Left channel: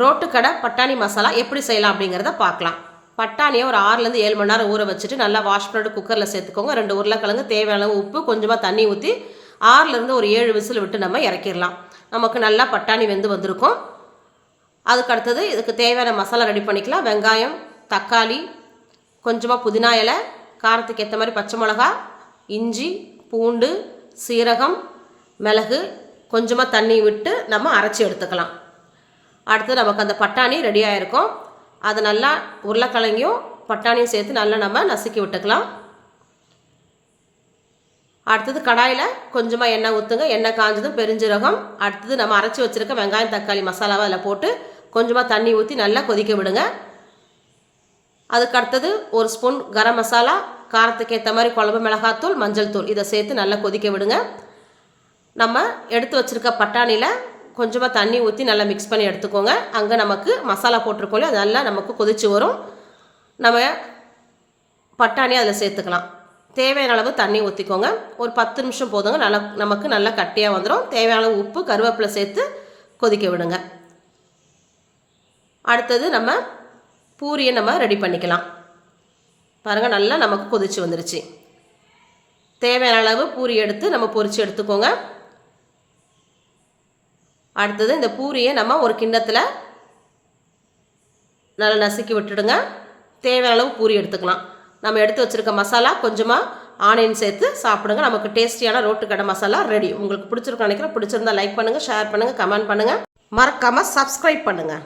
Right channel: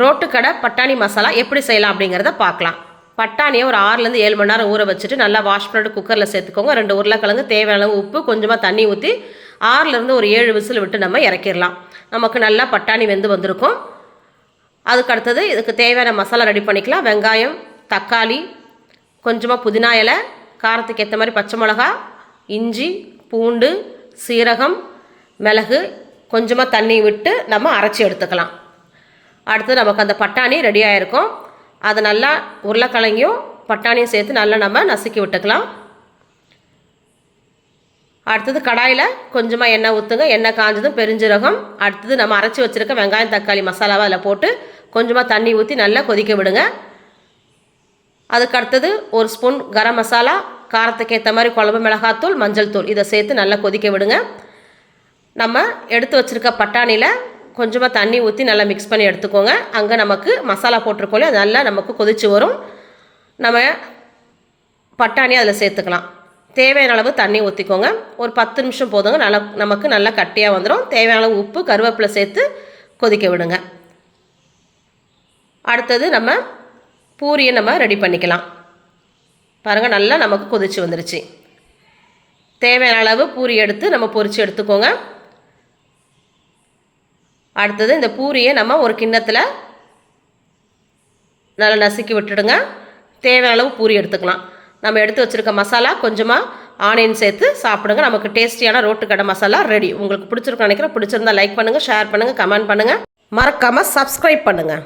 ரோட்டுக்கடை பட்டாணி மசாலா எப்படி செய்யலாம் அப்படிங்கிறத பார்க்கலாம். பட்டாணியை ஒரு ஆறுலேருந்து ஏழு மணி நேரம் ஊற வச்சுட்டு நல்லா வாஷ் பண்ணிட்டு குக்கரில் சேர்த்துக்கோங்க. ரெண்டு உருளைக்கிழங்கு தேவையான அளவு உப்பு கொஞ்சமாக தண்ணி ஊற்றி ஆறுலேருந்து ஒரு ஏழு விசில் விட்டு நம்ம இறக்கிடலாம். நமக்கு நல்லா பட்டாணி வெந்து வந்திருக்கும். அதுக்கு அடுத்தது இதுக்கு தேவையான மசாலா ரெடி பண்ணிக்கலாம். வெங்காயம் தக்காளி கொஞ்சமாக புதினா இலை காரத்துக்கு ஏற்ற மாதிரி பச்சை மிளகா இஞ்சி பூண்டு சீரகம் மிளகு கொஞ்சமாக தண்ணி விட்டு நம்ம அரைச்சி எடுத்துக்கலாம். அடுத்து நமக்கு அந்த பட்டாணி ரெடி ஆகிருக்கும் அதை நல்லா உருளைக்கிழங்கையும் பட்டாணியும் சேர்த்து நல்லா நம்ம நசுக்கி விட்டுக்கலாம். அடுத்தது கடாயில் கொஞ்சமாக எண்ணெய் ஊற்றுங்க எண்ணெய் காஞ்சதும் பெருஞ்சீரகம். அடுத்தது நம்ம அரைச்சி வச்சுருக்க வெங்காயம் தக்காளி மசாலாவை அதில் போட்டு கொஞ்சமாக தண்ணி ஊற்றி நல்லா கொதிக்க விடுங்க. அதுக்கு அடுத்தது ஒரு ஸ்பூன் கரம் மசாலா காரத்துக்கு ஏற்ற மாதிரி குழம்பு மிளகாத்தூள் மஞ்சள் தூள் இதை சேர்த்து நல்லா கொதிக்க விடுங்க. நம்ம எடுத்து வச்சுருக்க பட்டாணியில் கொஞ்சமாக தண்ணி ஊற்றி நல்லா மிக்ஸ் பண்ணி எடுத்துக்கோங்க. அங்கே நமக்கு மசாலா போட்டிருக்கோம் அது நல்லா நமக்கு கொதிச்சு வரும். நம்ம பட்டாணி அதில் சேர்த்துக்கலாம். தேவையான அளவு தண்ணி ஊற்றிக்கோங்க ஒரு பத்து நிமிஷம் போதுங்க. நல்லா நமக்கு நல்லா கட்டியாக வந்துடும் தேவையான அளவு உப்பு கருவேப்பிலை சேர்த்து கொதிக்க விடுங்க. அடுத்தது நம்ம பூரியை நம்ம ரெடி பண்ணிக்கலாம். பாருங்கள் நல்லா நமக்கு கொதிச்சு வந்துருச்சு. தேவையான அளவு பூரி எடுத்து நம்ம பொரித்து எடுத்துக்கோங்க. அடுத்தது இந்த பூரியை நம்ம ஒரு கிண்ணத்தில் நல்லா நசுக்கி விட்டுடுங்க. தேவையான அளவு பூரி எடுத்துக்கலாம். நம்ம எடுத்து வச்சுருக்க மசாலா கொஞ்சமாக ஆனியன் சேர்த்து சாப்பிடுங்க. நமக்கு டேஸ்டியான ரோட்டு கடை மசாலா ரெடி உங்களுக்கு பிடிச்சிருக்கும் நினைக்கிறேன். பிடிச்சிருந்தா லைக் பண்ணுங்கள் ஷேர் பண்ணுங்கள் கமெண்ட் பண்ணுங்கள் மறக்காமல் சப்ஸ்கிரைப் பண்ணுங்கள்